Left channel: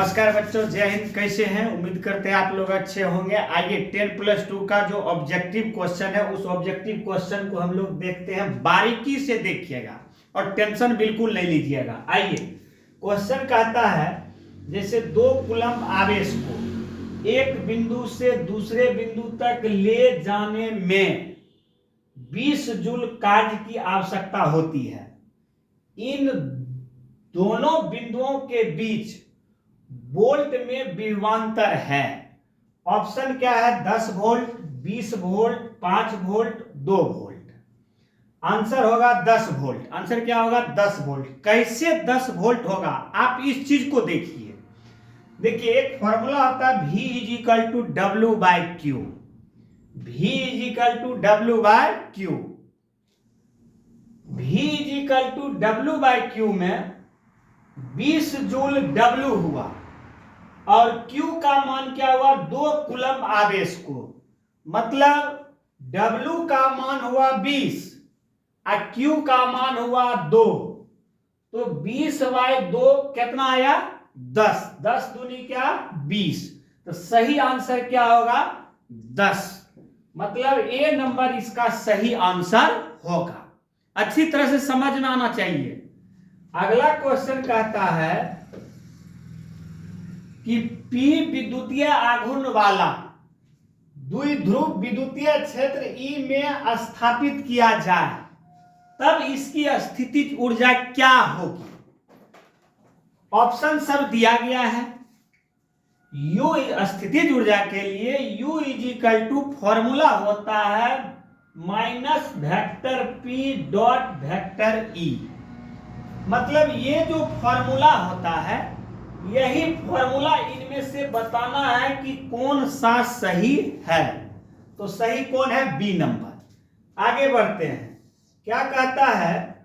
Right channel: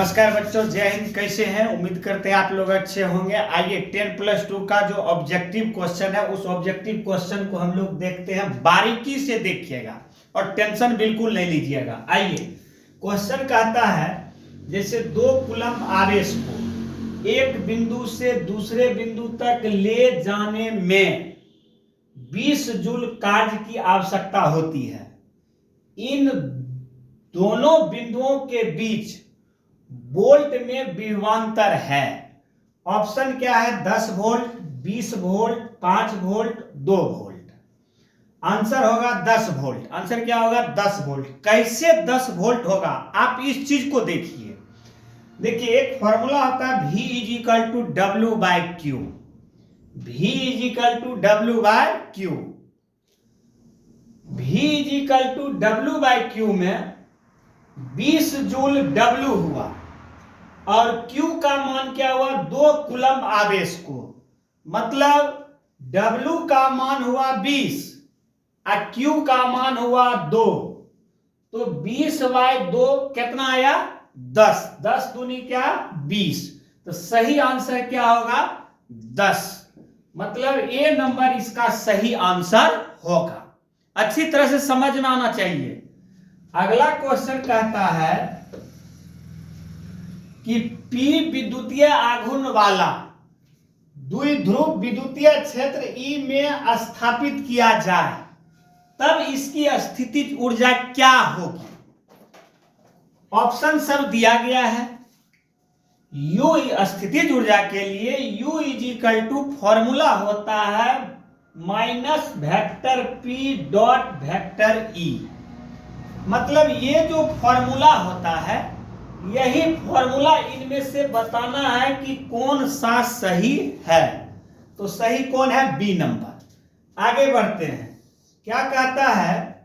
नमस्कार बच्चों, जय हिंद। कैसे हैं? उम्मीद करते हैं आप लोग अच्छे होंगे। आइए 10+2 का जो ऑब्जेक्टिव क्वेश्चन है उस ऑब्जेक्टिव क्वेश्चन को हम लोग देखते हैं। बारीकी से देखिएगा और टेंशन बिल्कुल नहीं लीजिएगा। आइए, क्वेश्चन कहता है जैसे 2 कूलम आवेश को एक बिंदु से दूसरे बिंदु तक ले जाने में 20 जूल कार्य की आवश्यकता होती है। इन दोनों बिंदुओं के बीच वोल्ट में विभवांतर है। ऑप्शन क्या है? 10 volt, 20 volt, 5 volt, 2 volt. Answer होगा 10 वोल्ट। आंसर क्या होगा? 10 वोल्ट। कैसे 10 वोल्ट होगा? आप इस चीज को देखिए। देखिए, एक फॉर्मूला होता है V is to W by Q. V is to W by Q. V is to W by Q में 20 जूल W हुआ और Q का मान क्या हुआ? 2 कूलम आवेश को, मतलब W का मान हुआ 20 और Q का मान हुआ 2। तो 20/2 कितना आया? 10। 10 दूनी क्या? 20। तो सही आंसर क्या होगा? 10। मतलब ए नंबर इसका सही आंसर होगा। अच्छी तरह से समझ में आना चाहिए। अगला क्वेश्चन कहता है कि P विद्युतीय आघूर्ण वाला द्विध्रुव विद्युतीय क्षेत्र E में स्थापित किया जाए तब इसकी स्थितिज ऊर्जा क्या होगी? ऑप्शन सब दिया गया है। U स्थितिज ऊर्जा के लिए U इज टू फॉर्मूला होता है minus vector P dot vector E। मतलब ये जो फॉर्मूला होता है, यही फॉर्मूला इनमें से बताना है कि कौन सा सही है। तो सही कौन है? B number. आगे बढ़ते हैं। क्या कहता है?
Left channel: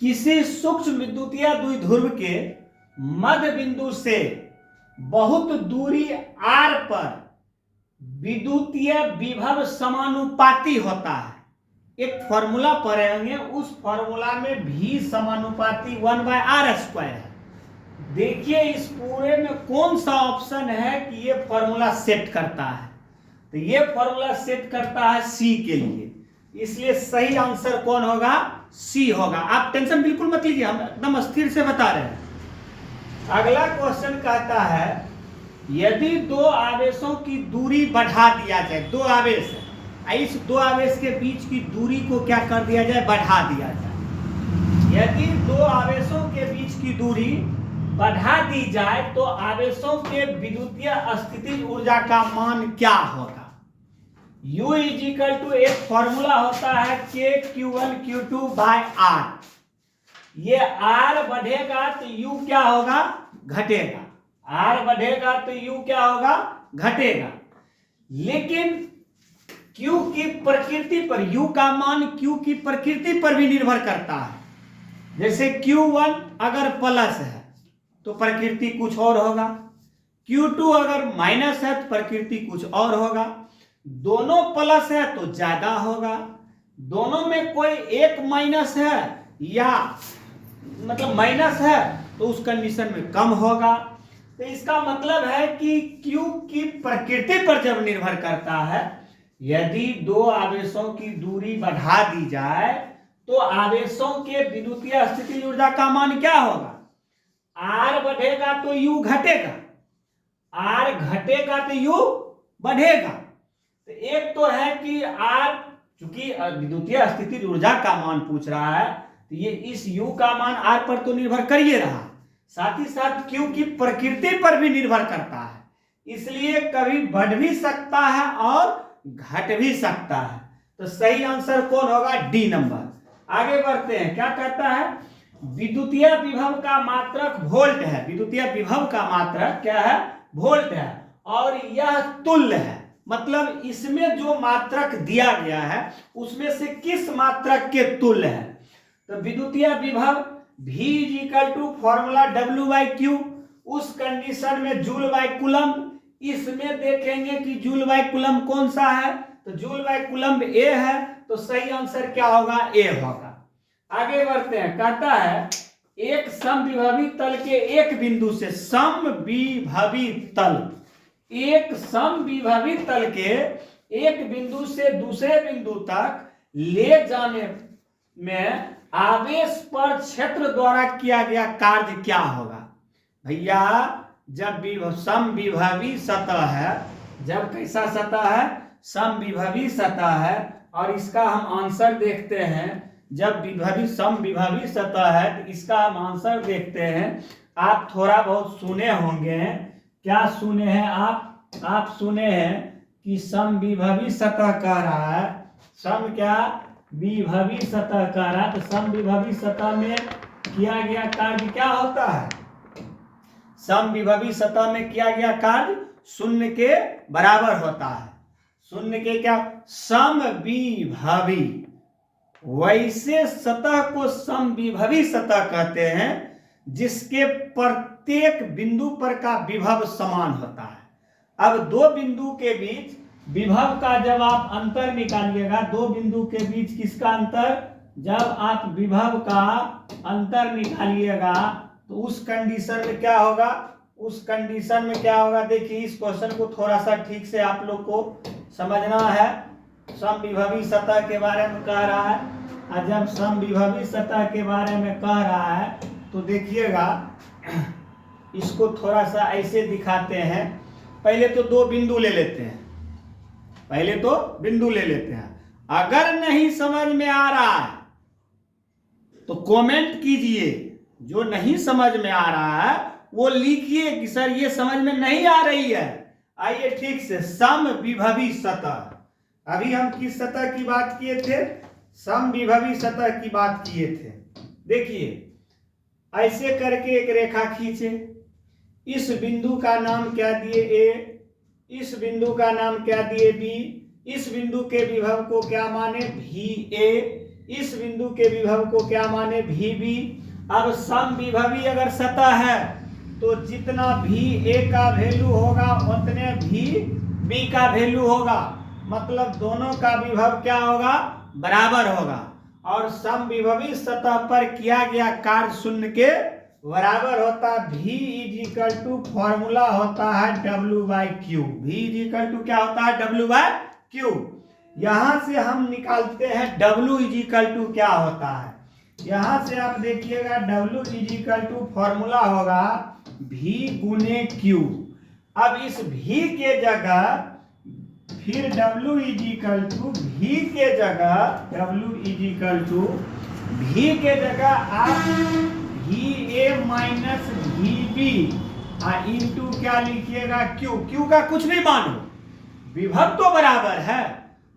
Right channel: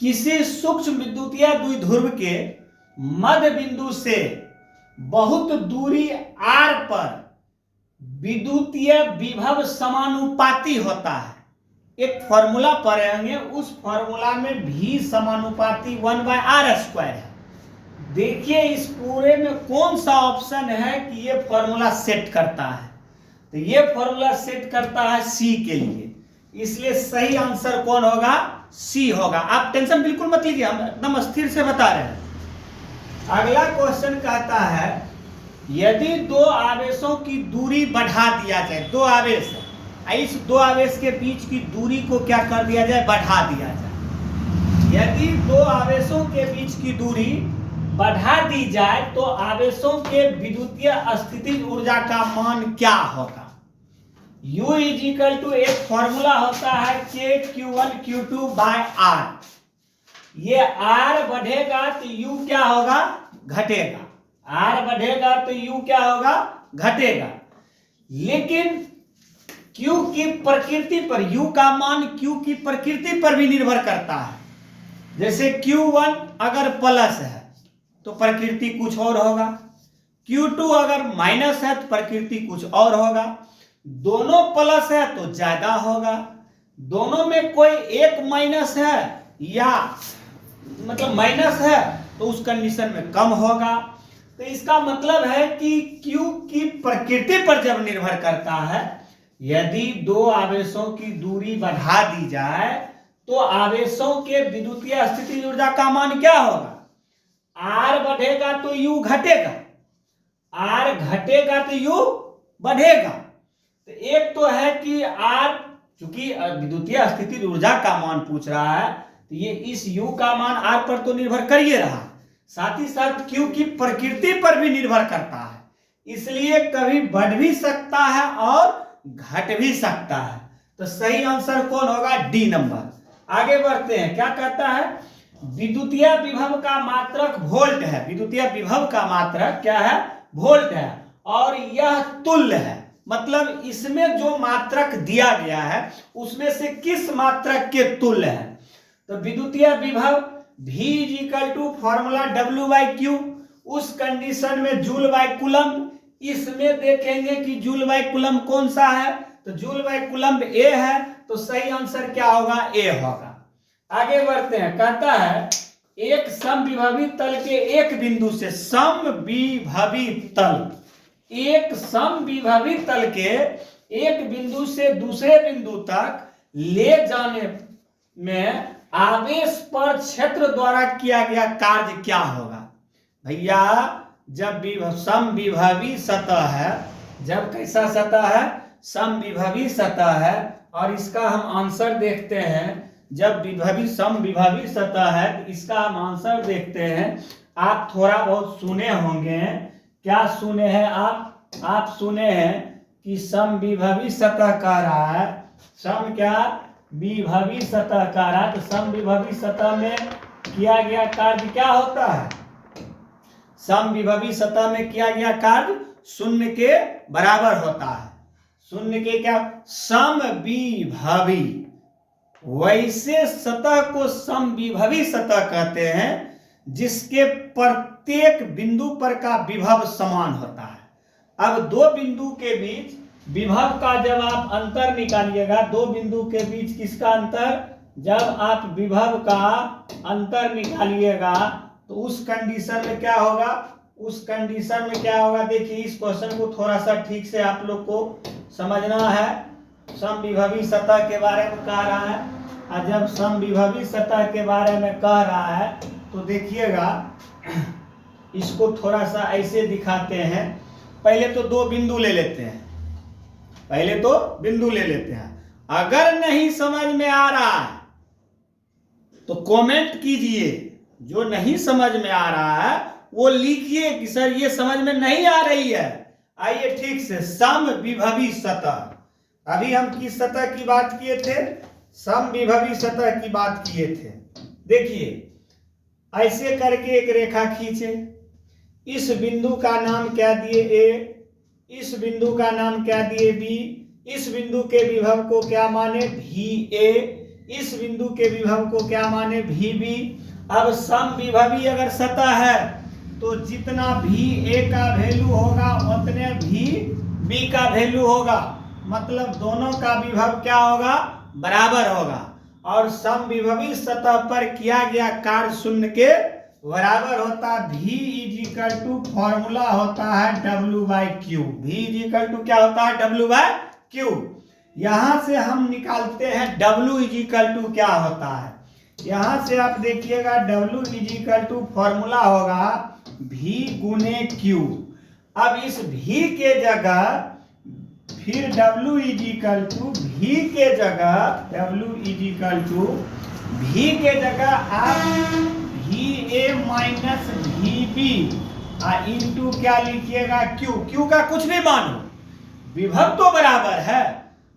किसी सूक्ष्म विद्युतीय द्विध्रुव के मध्य बिंदु से बहुत दूरी r पर विद्युतीय विभव समानुपाती होता है। एक फॉर्मूला पढ़ेंगे, उस फॉर्मूला में V समानुपाती 1/r² है। देखिए इस पूरे में कौन सा ऑप्शन है कि ये फॉर्मूला सेट करता है? तो ये फॉर्मूला सेट करता है C के लिए, इसलिए सही आंसर कौन होगा? C होगा। आप टेंशन बिल्कुल मत लीजिए, हम एकदम स्थिर से बता रहे हैं। अगला क्वेश्चन कहता है यदि 2 आवेशों की दूरी बढ़ा दिया जाए, 2 आवेश है, इस 2 आवेश के बीच की दूरी को क्या कर दिया जाए? बढ़ा दिया जाए। यदि 2 आवेशों के बीच की दूरी बढ़ा दी जाए तो आवेशों के विद्युतीय स्थितिज ऊर्जा का मान क्या होगा? U इज टू एक फॉर्मूला होता है K Q1 Q2/R। ये R बढ़ेगा तो U क्या होगा? घटेगा। R बढ़ेगा तो U क्या होगा? घटेगा। लेकिन Q की प्रकृति पर, U का मान Q की प्रकृति पर भी निर्भर करता है। जैसे Q1 अगर प्लस है तो प्रकृति कुछ और होगा, Q2 अगर माइनस है तो प्रकृति कुछ और होगा, दोनों प्लस है तो ज्यादा होगा, दोनों में कोई एक माइनस है या मतलब माइनस है तो उस कंडीशन में कम होगा। तो इसका मतलब है कि Q की प्रकृति पर जब निर्भर करता है, यदि 2 आवेशों की दूरी बढ़ा दी जाए तो आवेशों के विद्युतीय स्थितिज ऊर्जा का मान क्या होगा? R बढ़ेगा तो U घटेगा, R घटेगा तो U बढ़ेगा। तो एक तो है कि R, चूंकि विद्युतीय स्थितिज ऊर्जा का मान पूछ रहा है तो ये इस U का मान R पर तो निर्भर कर ही रहा, साथ ही साथ Q की प्रकृति पर भी निर्भर करता है, इसलिए कभी बढ़ भी सकता है और घट भी सकता है। तो सही आंसर कौन होगा? D number. आगे बढ़ते हैं। क्या कहता है? विद्युतीय विभव का मात्रक वोल्ट है। विद्युतीय विभव का मात्रक क्या है? वोल्ट है और यह तुल्य है। मतलब इसमें जो मात्रक दिया गया है उसमें से किस मात्रक के तुल्य है? तो विद्युतीय विभव V is to formula W/Q। उस कंडीशन में जूल बाय कूलम, इसमें देखेंगे कि जूल बाय कूलम कौन सा है, तो जूल बाय कूलम A है, तो सही आंसर क्या होगा? A होगा। आगे बढ़ते हैं। कहता है एक समविभवी तल के एक बिंदु से, समविभवी तल, एक समविभवी तल के एक बिंदु से दूसरे बिंदु तक ले जाने में आवेश पर क्षेत्र द्वारा किया गया कार्य क्या होगा? भैया जब समविभवी सतह है, जब कैसा सतह है? समविभवी सतह है। और इसका हम आंसर देखते हैं, जब समविभवी सतह है तो इसका हम आंसर देखते हैं। आप थोड़ा बहुत सुने होंगे। क्या सुने हैं आप सुने हैं कि समविभवी सतह कह रहा है, विभवी सतह कह रहा है। तो समविभवी सतह में किया गया कार्य क्या होता है? समविभवी सतह में किया गया कार्य शून्य के बराबर होता है। शून्य के क्या? समविभवी। वैसे सतह को समविभवी सतह कहते हैं जिसके प्रत्येक बिंदु पर का विभव समान होता है। अब दो बिंदु के बीच विभव का जब आप अंतर निकालिएगा, दो बिंदु के बीच किसका अंतर? जब आप विभव का अंतर निकालिएगा तो उस कंडीशन में क्या होगा? देखिए इस क्वेश्चन को थोड़ा सा ठीक से आप लोग को समझना है। समविभवी सतह के बारे में कह रहा है, और जब समविभवी सतह के बारे में कह रहा है तो देखिएगा, इसको थोड़ा सा ऐसे दिखाते हैं। पहले तो दो बिंदु ले लेते हैं, अगर नहीं समझ में आ रहा है तो कमेंट कीजिए, जो नहीं समझ में आ रहा है वो लिखिए कि सर ये समझ में नहीं आ रही है। आइए ठीक से, समविभवी सतह, अभी हम किस सतह की बात किए थे? समविभवी सतह की बात किए थे। देखिए ऐसे करके एक रेखा खींचे, इस बिंदु का नाम क्या दिए? ए, इस बिंदु का नाम क्या दिए? बी, इस बिंदु के विभव को क्या माने? भी ए, इस बिंदु के विभव को क्या माने? भी बी। अब समविभवी अगर सतह है तो जितना भी ए का वैल्यू होगा उतने भी बी का वैल्यू होगा, मतलब दोनों का विभव क्या होगा? बराबर होगा। और समविभवी सतह पर किया गया कार्य शून्य के बराबर होता है। V इज टू फॉर्मूला होता है W/Q। V इज क्या होता है? W/Q। यहां से हम निकालते हैं W इज क्या होता है। यहां से आप देखिएगा W इज फॉर्मूला होगा V गुने Q। अब इस V के जगह फिर W V के जगह आप VA माइनस VB इंटू क्या लिखिएगा? Q का कुछ भी मानो, विभव तो बराबर है,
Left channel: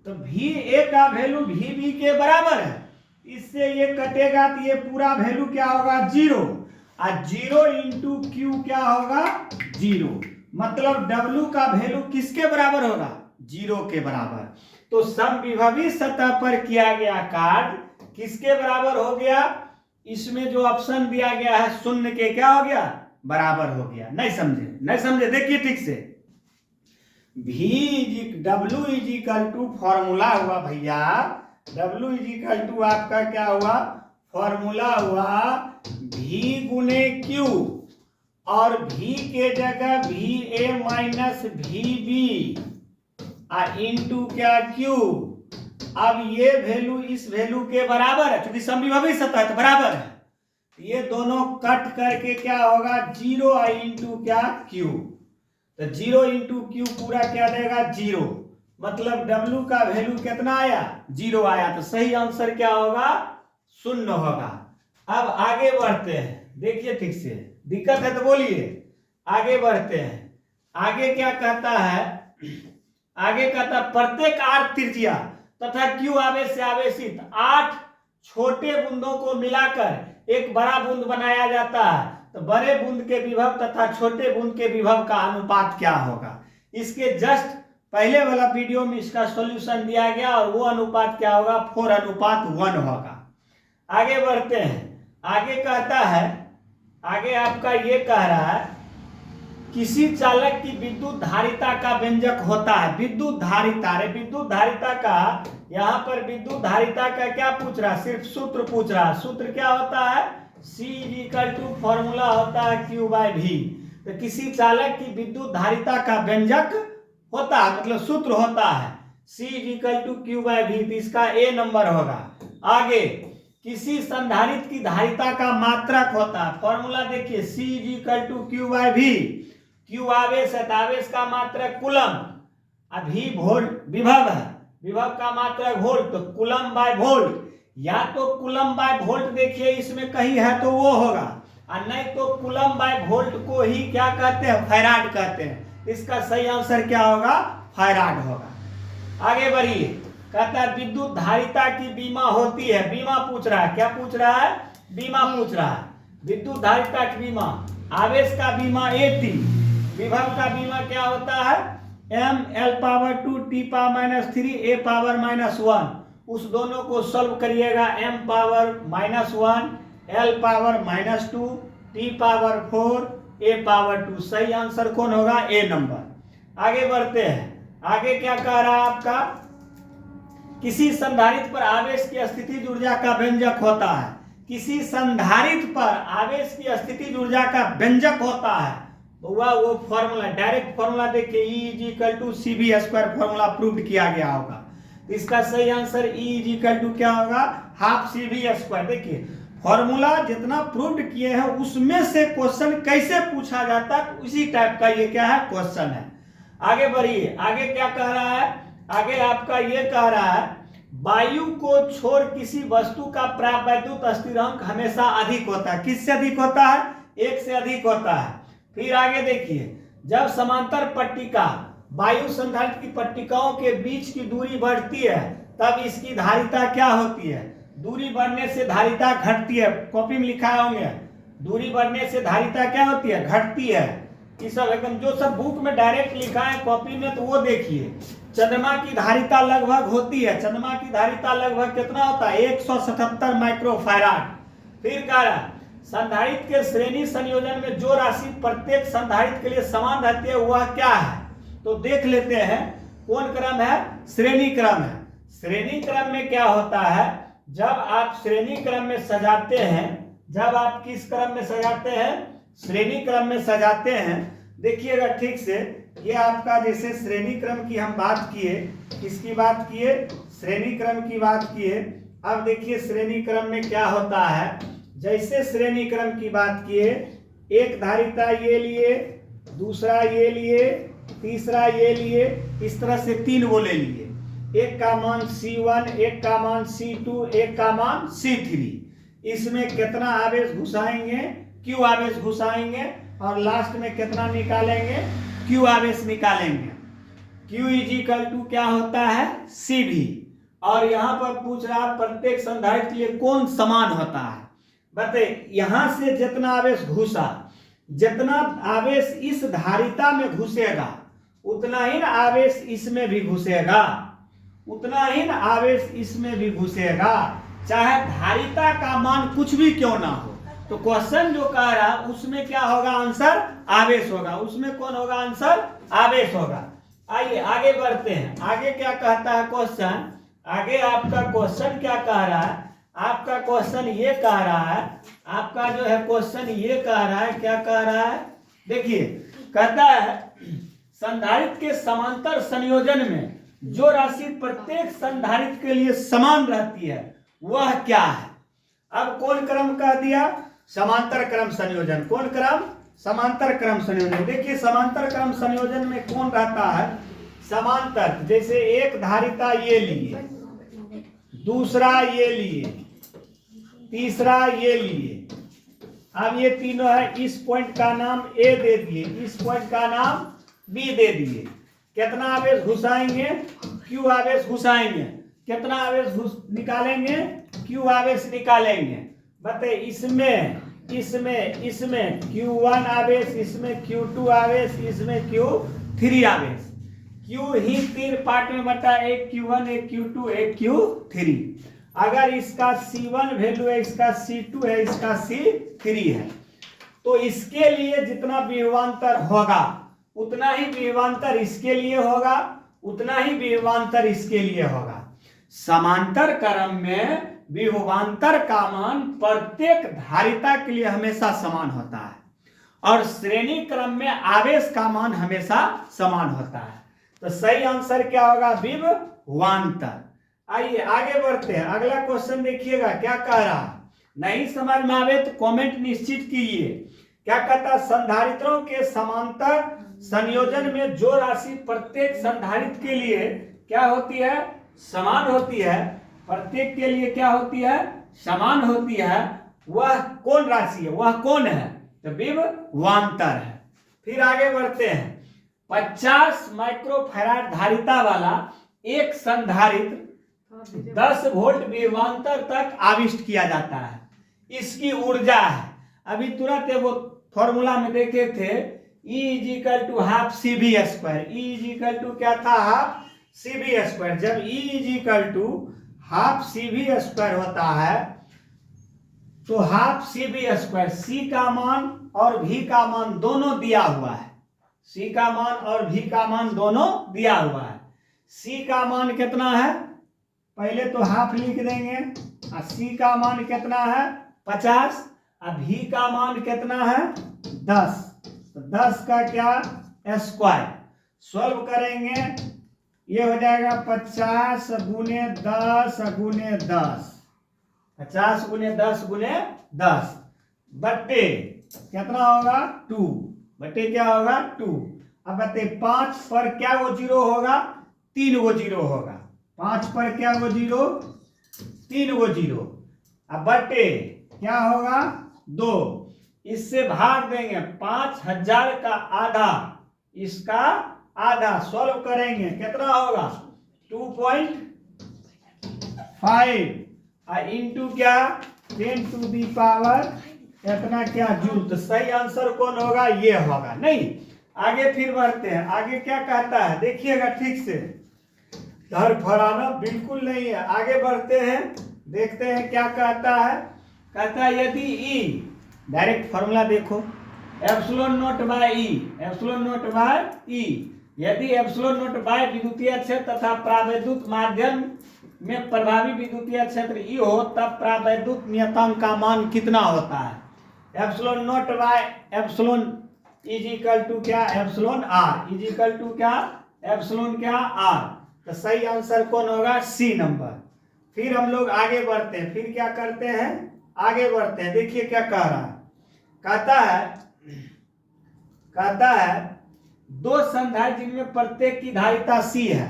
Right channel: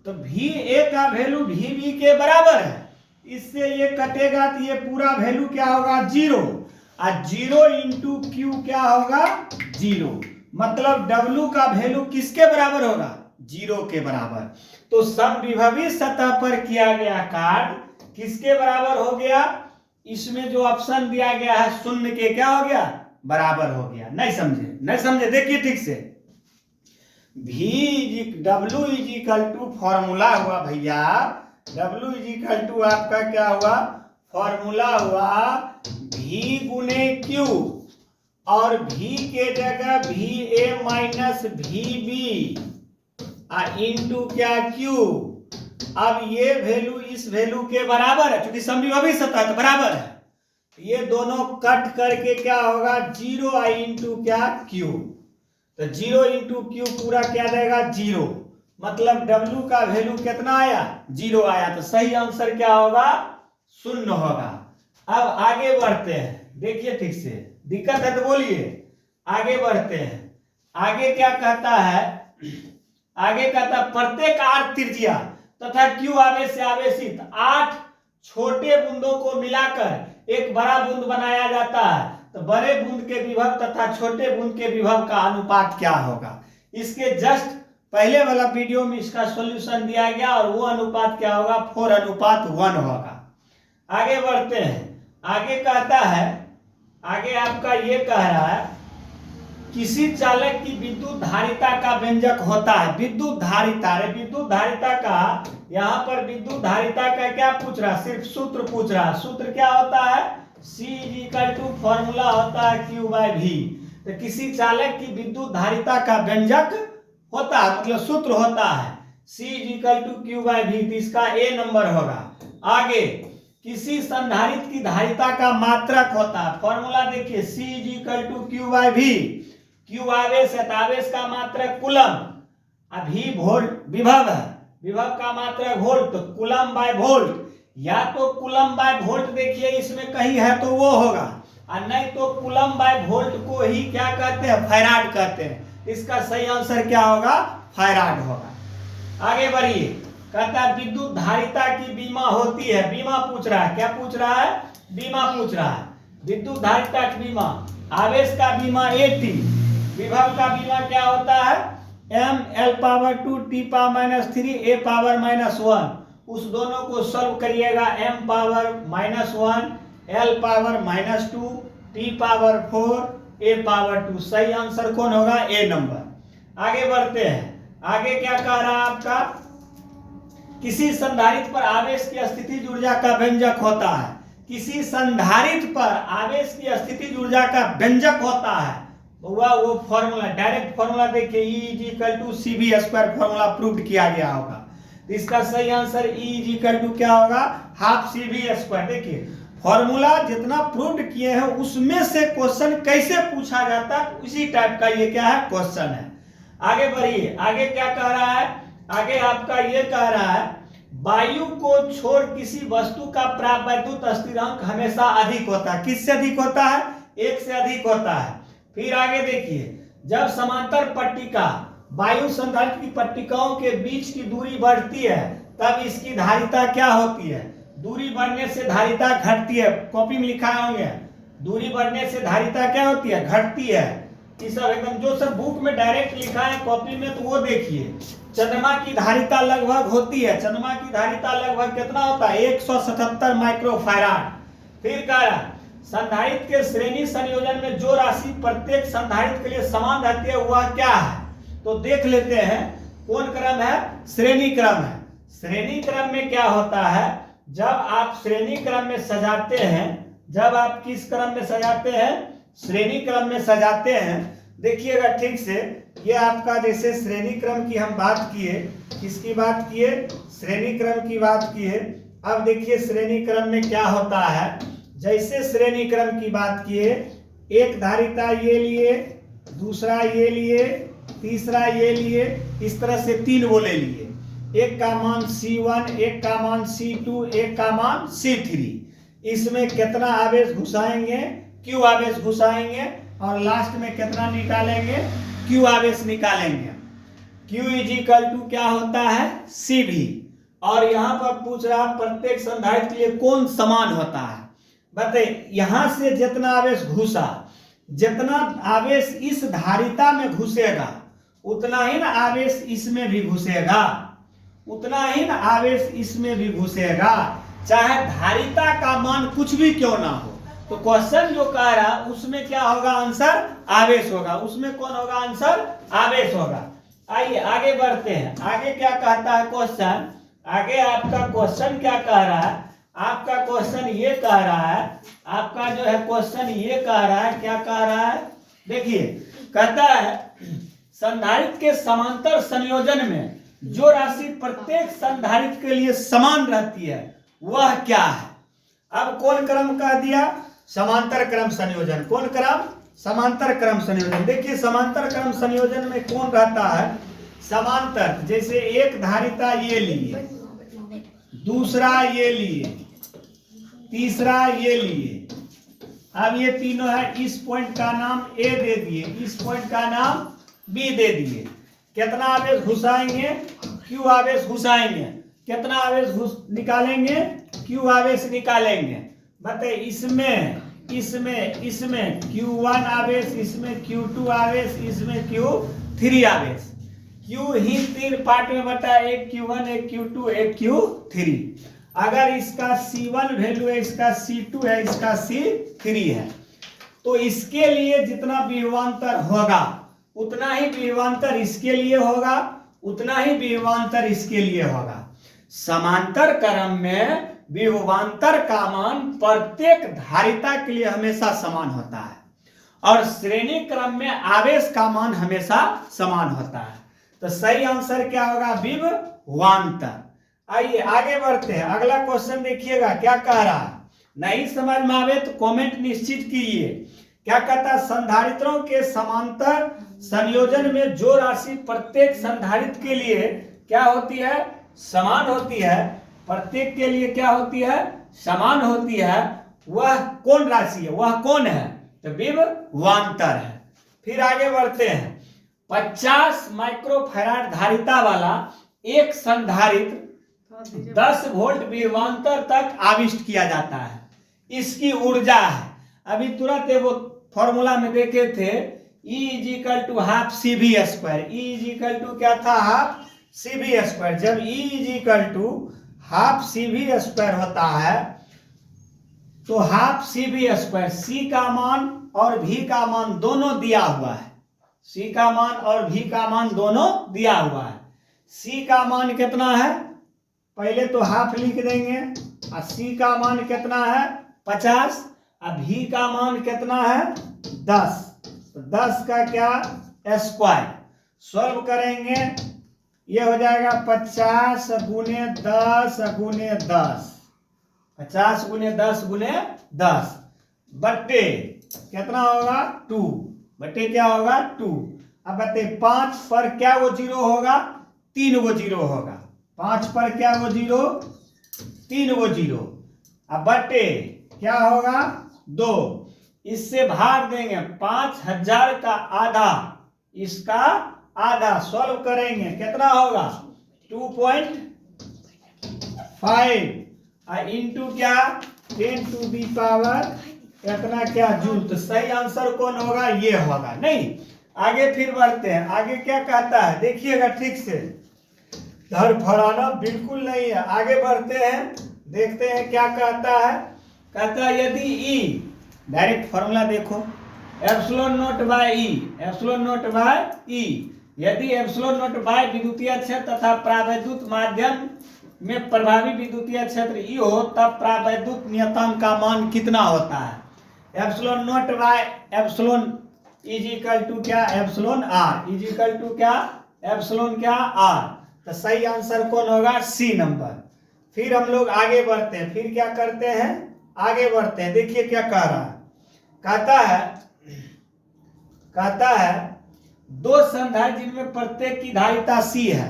तो VA का वैल्यू VB के बराबर है। इससे ये कटेगा तो ये पूरा वैल्यू क्या होगा? 0। और 0 इंटू Q क्या होगा? 0। मतलब W का वैल्यू किसके बराबर होगा? 0 के बराबर। तो समविभवी सतह पर किया गया कार्य किसके बराबर हो गया? इसमें जो ऑप्शन दिया गया है शून्य के क्या हो गया? बराबर हो गया। नहीं समझे? देखिए ठीक से, W इज फॉर्मूला हुआ भैया, W इज आपका क्या हुआ? फॉर्मूला हुआ V गुने Q, और V के जगह VA माइनस VB इंटू क्या? Q। अब ये वैल्यू इस वैल्यू के बराबर है, क्योंकि समविभवी सतह बराबर है। ये दोनों कट करके क्या होगा? 0 इंटू क्या? Q। तो 0 इंटू Q पूरा क्या देगा? 0। मतलब W का वैल्यू कितना आया? 0 आया। तो सही आंसर क्या होगा? 0 होगा। अब आगे बढ़ते हैं, देखिए ठीक से, दिक्कत है तो बोलिए। आगे बढ़ते हैं, आगे क्या कहता है? आगे कहता प्रत्येक R त्रिज्या तथा Q आवेश से आवेशित 8 छोटे बूंदों को मिलाकर एक बड़ा बूंद बनाया जाता है। तो बड़े बूंद के विभव तथा छोटे बूंद के विभव का अनुपात क्या होगा? इसके जस्ट पहले वाला वीडियो में इसका सॉल्यूशन दिया गया, और वो अनुपात क्या होगा? 4:1 होगा। आगे बढ़ते हैं, आगे कहता है, आगे आपका ये कह रहा है किसी चालक की विद्युत धारिता का व्यंजक होता है। विद्युत धारिता का, यहाँ पर विद्युत धारिता का क्या पूछ रहा? सिर्फ सूत्र पूछ रहा। सूत्र क्या होता है? C is equal to formula होता है Q बाय V। तो किसी चालक की विद्युत धारिता का व्यंजक होता है, मतलब सूत्र होता है C is equal to Q by V। तो इसका A नंबर होगा। आगे किसी संधारित्र की धारिता का मात्रक होता है, फॉर्मूला देखिए C is equal to Q by V। Q आवेश है, आवेश का मात्रक कूलम, अभी वोल्ट विभव है, विभव का मात्रक वोल्ट, तो कूलम बाय वोल्ट। या तो कूलम बाय वोल्ट देखिए इसमें कहीं है तो वो होगा, और नहीं तो कूलम बाय वोल्ट को ही क्या कहते हैं, फैराड कहते हैं। इसका सही आंसर क्या होगा, फैराड होगा। आगे बढ़िए, कहता है विद्युत धारिता की बीमा होती है। बीमा पूछ रहा है, क्या पूछ रहा है, बीमा पूछ रहा है। विद्युत धारिता की बीमा, आवेश का बीमा AT, विभव का बीमा क्या होता है m l power 2 t power minus 3 a power minus 1। उस दोनों को सॉल्व करिएगा, m power minus 1 l power minus 2 t power 4 a power 2। सही आंसर कौन होगा, A नंबर। आगे बढ़ते हैं, आगे क्या कह रहा है आपका, किसी संधारित्र पर आवेश की स्थितिज ऊर्जा का व्यंजक होता है। किसी संधारित्र पर आवेश की स्थितिज ऊर्जा का व्यंजक होता है, वो फॉर्मूला, डायरेक्ट फॉर्मूला देखिए E is equal to CV square, formula prove किया गया होगा। तो इसका सही answer E is equal to क्या होगा, हाफ CV स्क्वायर। देखिए फॉर्मूला जितना प्रूव किए हैं उसमें से क्वेश्चन कैसे पूछा जाता है, उसी टाइप का ये क्या है, क्वेश्चन है। आगे बढ़िए, आगे क्या कह रहा है, आगे आपका ये कह रहा है वायु को छोड़ किसी वस्तु का प्राप्त वैद्युत स्थिरांक हमेशा अधिक होता है। किससे अधिक होता है, 1 से अधिक होता है। फिर आगे देखिए, जब समांतर पट्टिका वायु संधारित्र की पट्टिकाओं के बीच की दूरी बढ़ती है तब इसकी धारिता क्या होती है, दूरी बढ़ने से धारिता घटती है। कॉपी में लिखा होंगे, दूरी बढ़ने से धारिता क्या होती है, घटती है। ये सब एकदम जो सब बुक में डायरेक्ट लिखा है कॉपी में तो वो देखिए। चंद्रमा की धारिता लगभग होती है, चंद्रमा की धारिता लगभग कितना होता है, 177 माइक्रोफैराड। फिर कह रहा है संधारित्र के श्रेणी संयोजन में जो राशि प्रत्येक संधारित्र के लिए समान रहती है वह क्या है। तो देख लेते हैं कौन क्रम है, श्रेणी क्रम है। श्रेणी क्रम में क्या होता है, जब आप श्रेणी क्रम में सजाते हैं, जब आप किस क्रम में सजाते हैं, श्रेणी क्रम में सजाते हैं। देखिएगा ठीक से, ये आपका जैसे श्रेणी क्रम की हम बात किए, किसकी बात किए, श्रेणी क्रम की बात किए। अब देखिए श्रेणी क्रम में क्या होता है, जैसे श्रेणी क्रम की बात किए, एक धारिता ये लिए, दूसरा ये लिए, तीसरा ये लिए, इस तरह से 3 वो ले लिए। एक का मान C1, एक का मान C2, एक का मान C3। इसमें कितना आवेश घुसाएंगे, Q आवेश घुसाएंगे, और लास्ट में कितना निकालेंगे, Q आवेश निकालेंगे। Q इज इक्वल टू क्या होता है, CV। और यहाँ पर पूछ रहा प्रत्येक संधारित्र के लिए कौन समान होता है। बताइए, यहां से जितना आवेश घुसा, जितना आवेश इस धारिता में घुसेगा उतना ही ना आवेश इसमें भी घुसेगा, उतना ही ना आवेश इसमें भी घुसेगा, चाहे धारिता का मान कुछ भी क्यों ना हो। तो क्वेश्चन जो कह रहा उसमें क्या होगा, आंसर आवेश होगा। उसमें कौन होगा, आंसर आवेश होगा। आइए आगे बढ़ते हैं, आगे क्या कहता है क्वेश्चन। आगे आपका क्वेश्चन क्या कह रहा है, आपका क्वेश्चन ये कह रहा है, आपका जो है क्वेश्चन ये कह रहा है, क्या कह रहा है, देखिए कहता है संधारित्र के समांतर संयोजन में जो राशि प्रत्येक संधारित्र के लिए समान रहती है वह क्या है। अब कौन क्रम कह दिया, समांतर क्रम संयोजन। कौन क्रम, समांतर क्रम संयोजन। देखिए समांतर क्रम संयोजन में कौन रहता है, समांतर, जैसे एक धारिता ये लिए, दूसरा ये लिए, तीसरा ये लिए। अब ये तीनों है, इस पॉइंट का नाम A दे दिए, इस पॉइंट का नाम B दे दिए। कितना आवेश घुसाएंगे, Q आवेश घुसाएंगे। कितना आवेश निकालेंगे, Q आवेश निकालेंगे। बताइए इसमें इसमें इसमें Q1 आवेश, इसमें Q2 आवेश, इसमें Q3 आवेश। Q ही 3 पार्ट में बटा, एक Q1, एक Q2, एक Q3। अगर इसका C1 वैल्यू है, इसका C2 है, इसका C3 है, तो इसके लिए जितना विभवांतर होगा उतना ही विभवांतर इसके लिए होगा, उतना ही विभवांतर इसके लिए होगा। समांतर क्रम में विभवांतर का मान प्रत्येक धारिता के लिए हमेशा समान होता है और श्रेणी क्रम में आवेश का मान हमेशा समान होता है। तो सही आंसर क्या होगा? विभवांतर। आइए आगे बढ़ते हैं, अगला क्वेश्चन देखिएगा क्या कह रहा है। नहीं समझ में आवे तो कमेंट निश्चित कीजिए। क्या कहता है? संधारित्रों के समांतर संयोजन में जो राशि प्रत्येक संधारित्र के लिए क्या होती है? समान होती है। प्रत्येक के लिए क्या होती है? समान होती है। वह कौन राशि है? वह कौन है? तो विभवांतर है। फिर आगे बढ़ते हैं। 50 माइक्रोफैराड धारिता वाला एक संधारित्र 10 वोल्ट विभवांतर तक आविष्ट किया जाता है। इसकी ऊर्जा है, अभी तुरंत वो फॉर्मूला में देखे थे, E = हाफ CV²। E = क्या था? Half CV²। जब E = हाफ CV² होता है तो हाफ CV², C का मान और V का मान दोनों दिया हुआ है। C का मान और V का मान दोनों दिया हुआ है। C का मान कितना है? पहले तो हाफ लिख देंगे। और C का मान कितना है? 50। अब V का मान कितना है? 10। तो 10 का क्या? स्क्वायर। सॉल्व करेंगे, ये हो जाएगा 50 × 10 × 10। 50 × 10 × 10 बट्टे कितना होगा? 2 बट्टे क्या होगा? 2। अब कहते 5 पर क्या वो जीरो होगा? 3 वो जीरो होगा। 5 पर क्या वो जीरो? 3 वो जीरो। अब बट्टे क्या होगा? 2। इससे भाग देंगे। 5000 का आधा, इसका आधा। सॉल्व करेंगे कितना होगा? 2.5 इंटू क्या? 10⁻, इतना क्या जूल। तो सही आंसर कौन होगा? ये होगा। नहीं, आगे फिर बढ़ते हैं। आगे क्या कहता है देखिएगा ठीक से, धड़फड़ाना बिल्कुल नहीं है। आगे बढ़ते हैं, देखते हैं क्या कहता है। कहता है यदि E, डायरेक्ट फॉर्मूला देखो, ε0/E, यदि ε0 विद्युतीय क्षेत्र तथा प्रावैद्युत माध्यम में प्रभावी विद्युतीय क्षेत्र E हो, तब प्रावैद्युत नियतांक का मान कितना होता है? ε0/ε = क्या? εr क्या? εr। तो सही आंसर कौन होगा? C number. फिर हम लोग आगे बढ़ते हैं। फिर क्या करते हैं? आगे बढ़ते हैं, देखिए क्या कह रहा है। कहता है 2 संधारित्र जिनमें प्रत्येक की धारिता C है।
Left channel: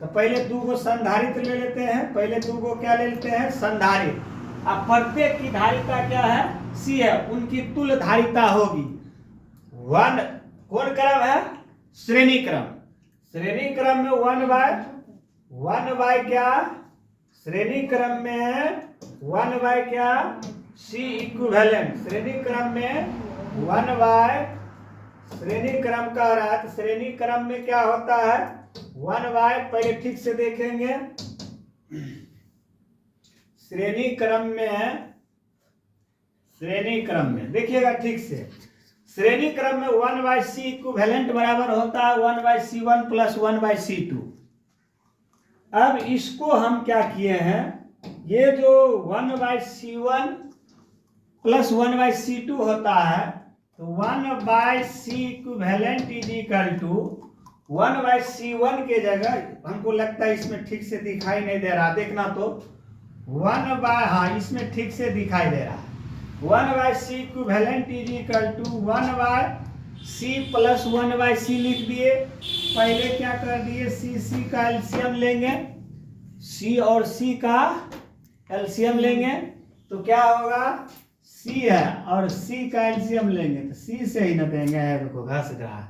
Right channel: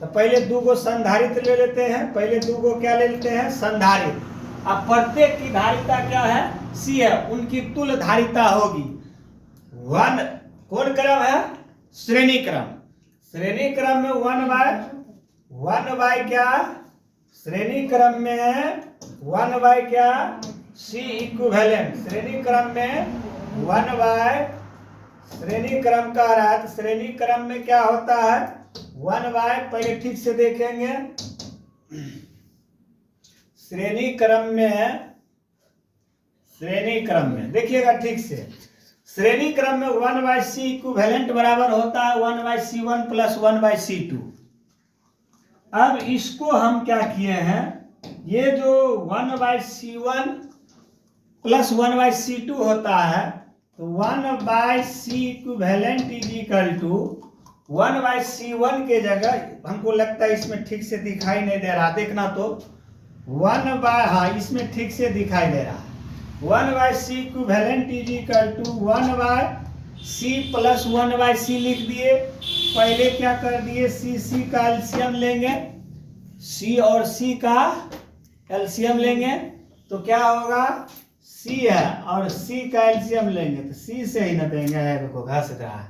तो पहले 2 गो संधारित्र ले लेते हैं। पहले 2 गो क्या ले लेते हैं? संधारित्र। अब प्रत्येक की धारिता क्या है? C है। उनकी तुल्य धारिता होगी 1। कौन क्रम है? श्रेणी क्रम। श्रेणी क्रम में 1/1 क्या? श्रेणी क्रम में 1/ क्या? C equivalent. श्रेणी क्रम में 1/ श्रेणी क्रम कह रहा है। तो श्रेणी क्रम में क्या होता है? 1/, पहले ठीक से देखेंगे। श्रेणी क्रम में देखिएगा ठीक से। श्रेणी क्रम में 1/C इक्विवेलेंट बराबर होता है 1/C1 + 1/C2। अब इसको हम क्या किए हैं, ये जो 1/C1 + 1/C2 होता है, तो 1/C इक्विवेलेंट = 1/C1 के जगह, हमको लगता है इसमें ठीक से दिखाई नहीं दे रहा, देखना तो 1/, इसमें ठीक से दिखाई दे रहा है। 1/C इक्विवेलेंट = 1/C + 1/C लिख दिए। पहले क्या कर दिए? C का एलसीएम लेंगे, C और C का एलसीएम लेंगे तो क्या होगा? C है और C का एलसीएम लेंगे तो C से ही न देंगे, देखो घस रहा है,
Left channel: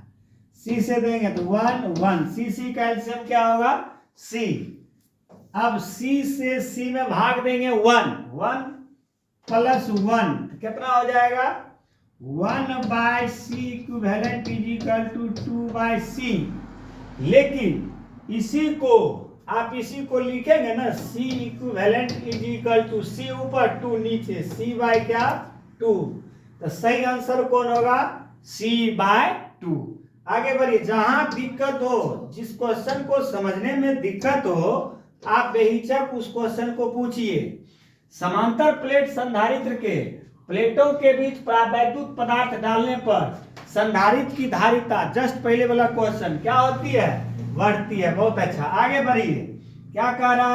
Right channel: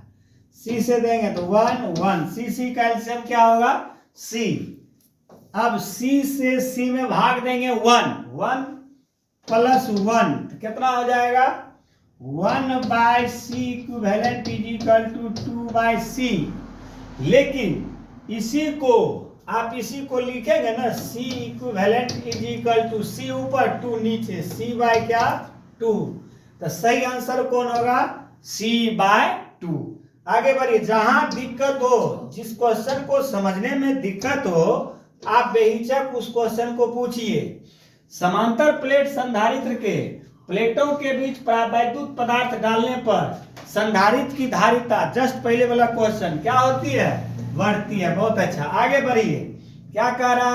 C से देंगे तो 1 C का एलसीएम क्या होगा? C। अब C से C में भाग देंगे 1 + 1 कितना हो जाएगा? 1/C equivalent = 2/C। लेकिन इसी को आप इसी को लिखेंगे ना, C इक्विवेलेंट = C ऊपर 2 नीचे, C/ क्या? 2। तो सही आंसर कौन होगा? C/2। आगे बढ़िए। जहां दिक्कत हो, जिस क्वेश्चन को समझने में दिक्कत हो, आप बेहिचक उस क्वेश्चन को पूछिए। समांतर प्लेट संधारित्र के प्लेटों के बीच परावैद्युत पदार्थ डालने पर संधारित्र की धारिता, जस्ट पहले वाला क्वेश्चन, क्या होती है? बढ़ती है। बहुत अच्छा, आगे बढ़िए। क्या कह रहा